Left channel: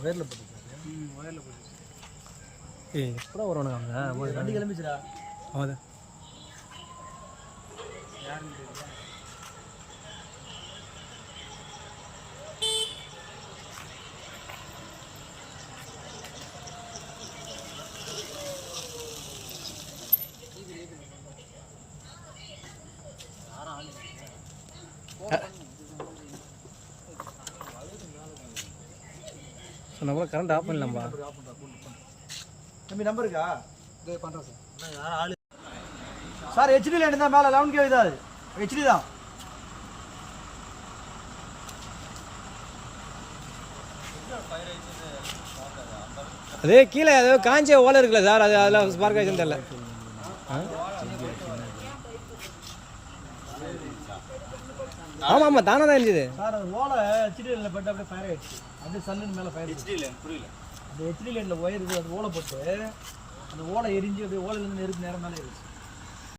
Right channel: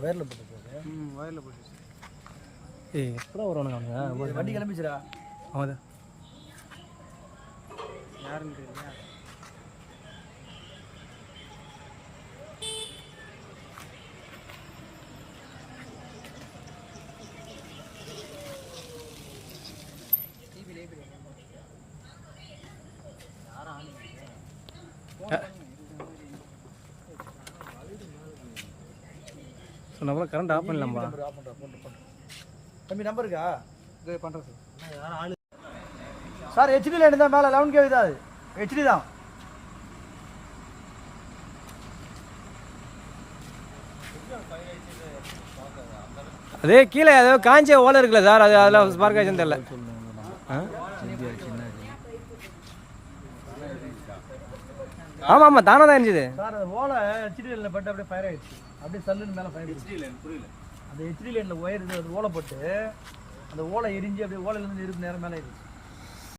ஒயரில் போட்டுருக்காரு. ஒயரில் போட்டு. ஏய் எப்படா வருவானுங்க அவங்க? வண்டி கிளம்பிச்சுடா. அவன் யாருன்னு தெரியல. நம்ம கரண்ட் ஆஃப் பண்ணலாம்பா. தம்பி நம்பர் இருக்கா? இதே பண்ணுறேன் சார். அண்ணா யாரும் ஆளு சார் ஹெச்டி லைன் தான் மேலே 11 kV தான். அது ஹெச்டி தான். அதே கீழே ஏதோ காஞ்ச ஓலை இருக்குல்ல சார், அது அதில் ஸ்பார்க் ஆச்சுன்னு தெரியல. ஆமாம் ஆமாம் தானே தான் இருந்துச்சு சார். அது ஓலை ஹெச்டி லைனில் பட்டு அப்படியே ஃபயர் ஆயிடுச்சு. அப்படியே சல்லுன்னு மேலே ஃபயர். ஹெச்டி லைன் புரியல. அந்த ஹெச்டி லைனில் ஒயர் இருக்குது, அது ஓலை போட்டு அந்த ஓலை எரிஞ்சு அப்படியே ஓலையிலேருந்து நெருப்பு நேரம் மேலே இருக்குது.